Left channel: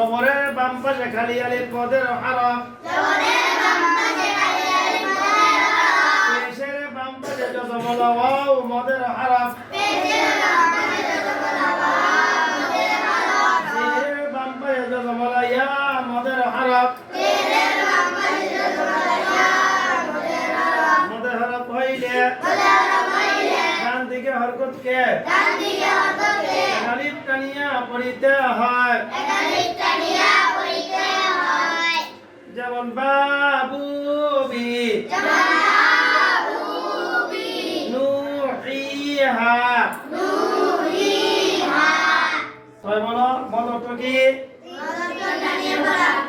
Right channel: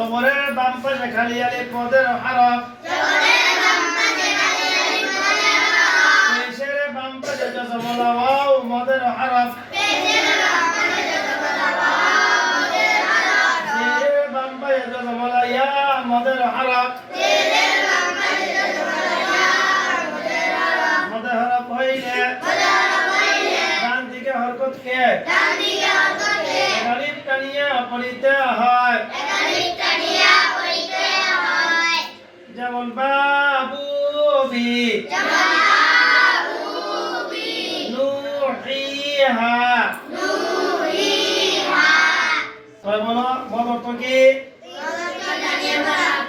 জবরের বাম পাশে খালি আলিফ মদের হরফ পেশের বাম পাশে জবর ওয়াও মদের হরফ জিরের বাম পাশে জবর ইয়া মদের হরফ মদের হরফ হইলে ডান দিকে হরকত কে আলিফ টানিয়া পড়িতে হয় যেমন বাবু বি নুহিহা সবাই বলো মদ অর্থ কি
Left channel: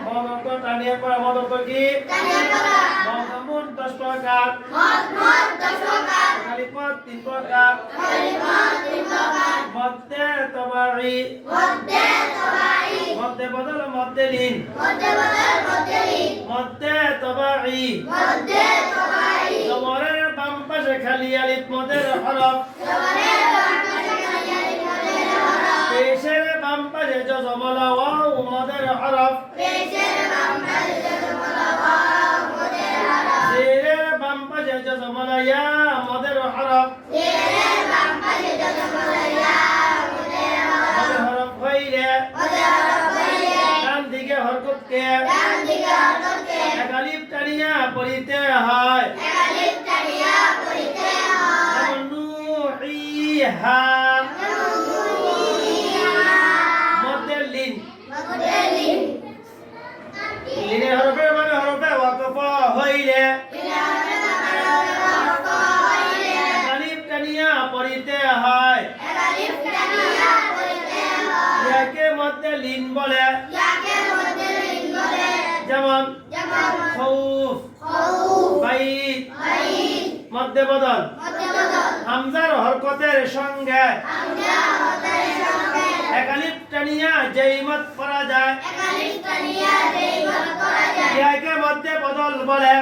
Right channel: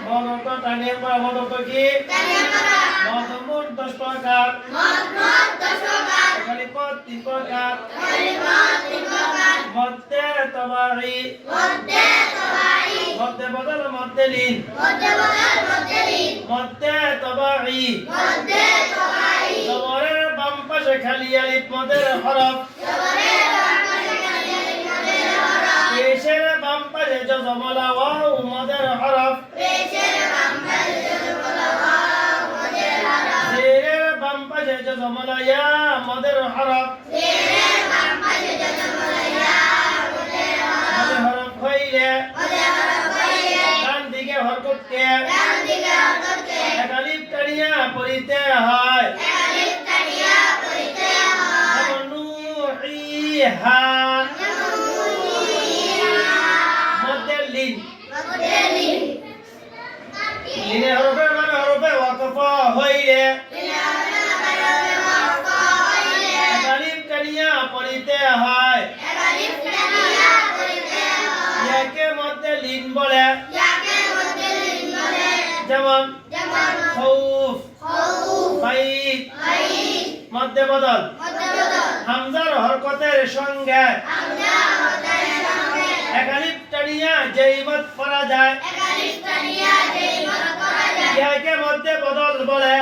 মদ অর্থ টানিয়ে পড়া মদ অর্থ কি মদ মোট 10 প্রকার খালি পদ 3 প্রকার মধ্যে তবাই মধ্যে বদল মধ্যে লিন মধ্যে তবাই জবরের বাম পাশে খালি আলিফ মদের হরফ পেশের বাম পাশে জবর ওয়াও মদের হরফ জিরের বাম পাশে জবর ইয়া মদের হরফ মদের হরফ হইলে ডান দিকে হরকত কে এক আলিফ টানিয়া পড়িতে হয় যেমন নুহিহা মধ্যে লিন লিনের হরফে মানে হরফে ওয়াকফ হইলে এক আলিফ টানিয়া পড়িতে হয় ইয়াকে মধ্যে লিন বলে যেমন খাউফ বাইত মধ্যে বদল হামজার হরকতের সঙ্গে এক আলিফ টানিয়া যেই মত পড়া যায় ইয়াকে মধ্যে বদল বলে